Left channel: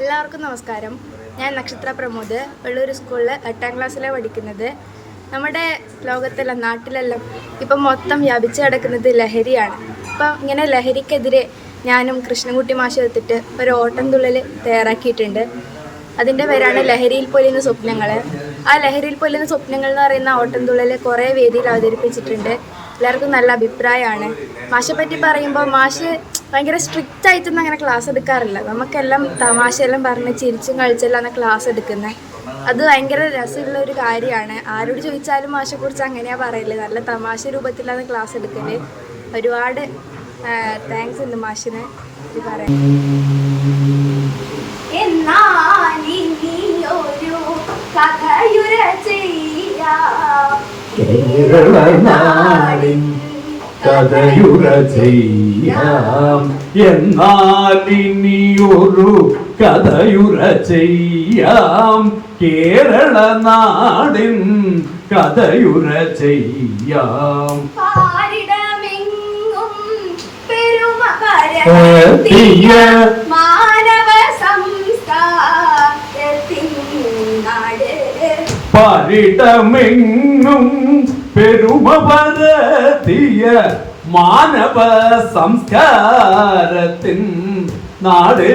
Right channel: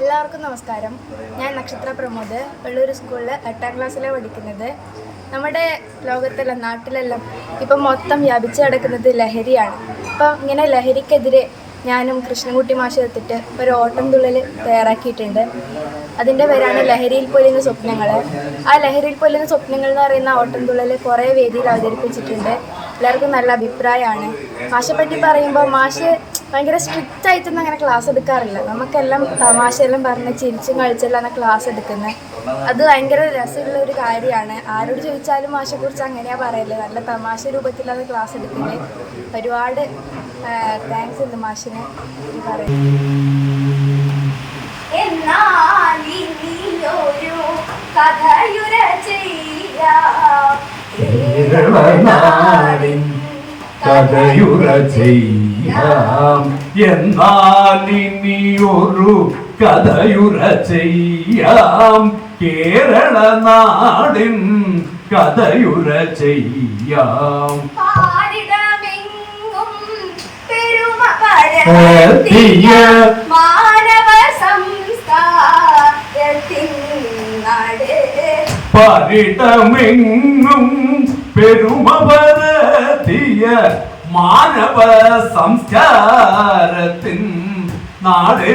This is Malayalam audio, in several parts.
എല്ലാവർക്കും നമസ്കാരം. ഞാൻ നക്ഷത്ര പ്രമോദ്, വെള്ളൂർ സ്കൂളിൽ 8ാം ക്ലാസ്സിലാണ് പഠിക്കുന്നത്. നമ്മുടെ ലോകത്തെല്ലാം നാട്ടിലെല്ലാം ഇപ്പം മൊത്തം വ്യാപിച്ച് കിടക്കുന്നത് ലഹരിയാണ്. അപ്പം ഇങ്ങനെ ലഹരിക്കെതിരെ ഞാനും കൃഷ്ണൻകുട്ടി മാഷ് എടുത്തിട്ട് ഒരു ഓട്ടംതുള്ളൽ തയ്യാറാക്കിയിട്ടുണ്ട്. അതിൻ്റെ പേരാണ് ലഹരിയിൽ പൊലിയുന്ന സ്വപ്നങ്ങൾ. ആ ലഹരിയിൽ പൊലിയുന്ന സ്വപ്നങ്ങൾ എന്ന് പറയുന്ന ഓട്ടംതുള്ളൽ കുറേ വേദിയിൽ അവതരിപ്പിച്ചിട്ടുണ്ട്. എല്ലാവർക്കും നല്ല അഭിപ്രായമാണ്. മാഷെ പറ്റി പറയുമ്പോൾ മാഷ് ഭയങ്കര സ്ട്രിക്റ്റ് ആയിട്ടൊന്നും അങ്ങനെ ക്ലാസ് എടുക്കാറില്ല. നമുക്കെല്ലാം തമാശയെല്ലാം പറഞ്ഞ് ചിരിച്ചും കളിച്ചെല്ലാം ക്ലാസ് എടുക്കുന്നത്. അത് ഭയങ്കര രസമുള്ള ഒരു കാര്യമാണ്. ആരോട് ചോദിച്ചാലും മാഷെക്കുറിച്ച് അങ്ങനെയാണ് പറയല്. നല്ല തമാശ രൂപത്തിലാണ് ക്ലാസ് എടുക്കല്. ഒരുപാട് താങ്ക്സ് ഉണ്ട് മാഷിന് പറയാൻ. കഥയുര ചെയ്യാം എന്നാലിനിയൊരു കഥയുര ചെയ്യാം. കേരള നാടിൻ കഥയുര ചെയ്യാം. മാനവ സംസ്കാരത്തിൻ നാട് പാരിടമെങ്ങും പെരുമ പരത്തിയ മാനവ സംസ്കാരത്തിൻ നാട്.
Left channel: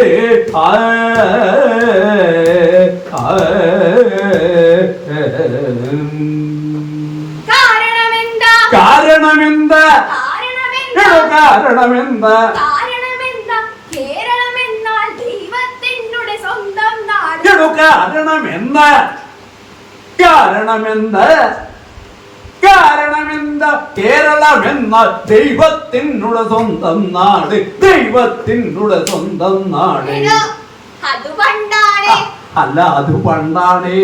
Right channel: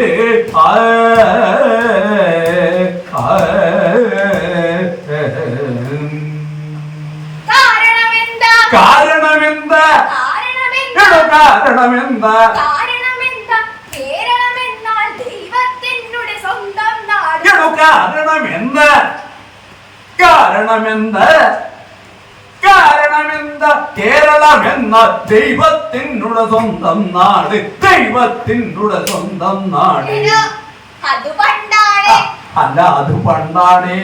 കാരണമെന്താ കേരളമെന്നാൽ ദൈവത്തിനുടെ സ്വന്തം നാട്. കാരണമെന്താ കേരളമെന്ന ദൈവത്തിനുടെ സ്വന്തം നാട്. ദൈവത്തിനുടെ സ്വന്തം നാട്. അത് പണ്ടാണ്. അല്ല, അത് പണ്ടാണ്.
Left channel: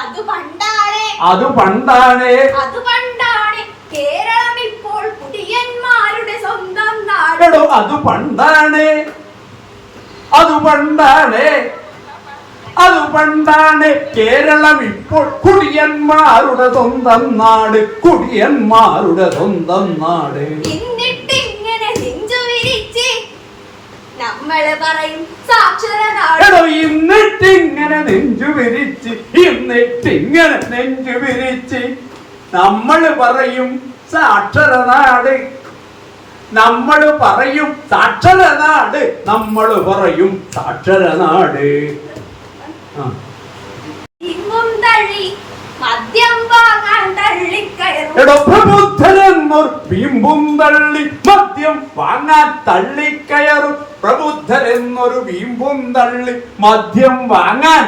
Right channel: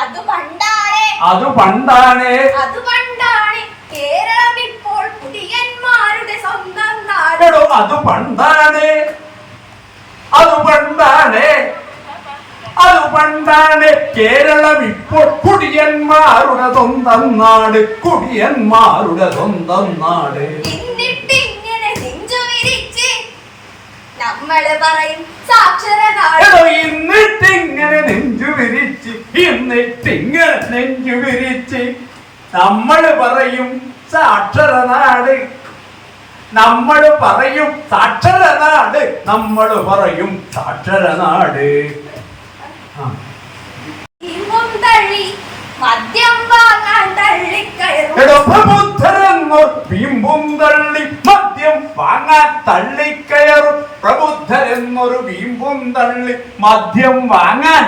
അത് പണ്ടാണ്. അത് പണ്ടാണ്. അത് പണ്ടാണ്. കേരളം ഇപ്പോൾ കുടിയന്മാരുടെ സ്വന്തം നാട്. അത് പണ്ടാണ്. അത് പണ്ടാണ്. അത് പണ്ടാണ്. കേരളം ഇപ്പോൾ കുടിയന്മാരുടെ സ്വന്തം നാട്. കുടിയന്മാരുടെ സ്വന്തം നാട്. എന്നിട്ടിങ്ങനെ നെഞ്ചു വിരിച്ച് നമ്മള് പറയും സാക്ഷര നാട്. എന്നിട്ടിങ്ങനെ നെഞ്ചു വിരിച്ച് നമ്മള് പറയും സാക്ഷര നാട്. നമ്മള് പറയും സാക്ഷര നാട്. നമ്മള് പറയും സാക്ഷര നാട്. മദ്യം വാങ്ങാൻ തള്ളിക്കയറും. പ്രബുദ്ധരെന്നൊരു വീമ്പും തള്ളി മദ്യം വാങ്ങാൻ തള്ളിക്കയറും. പ്രബുദ്ധരെന്നൊരു വീമ്പും തള്ളി മദ്യം വാങ്ങാൻ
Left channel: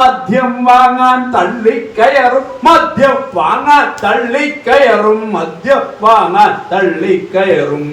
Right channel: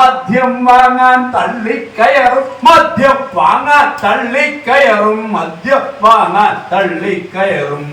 മദ്യം വാങ്ങാൻ തള്ളിക്കയറും. മദ്യം വാങ്ങാൻ തള്ളിക്കയറും. മദ്യം വാങ്ങാൻ തള്ളിക്കയറും.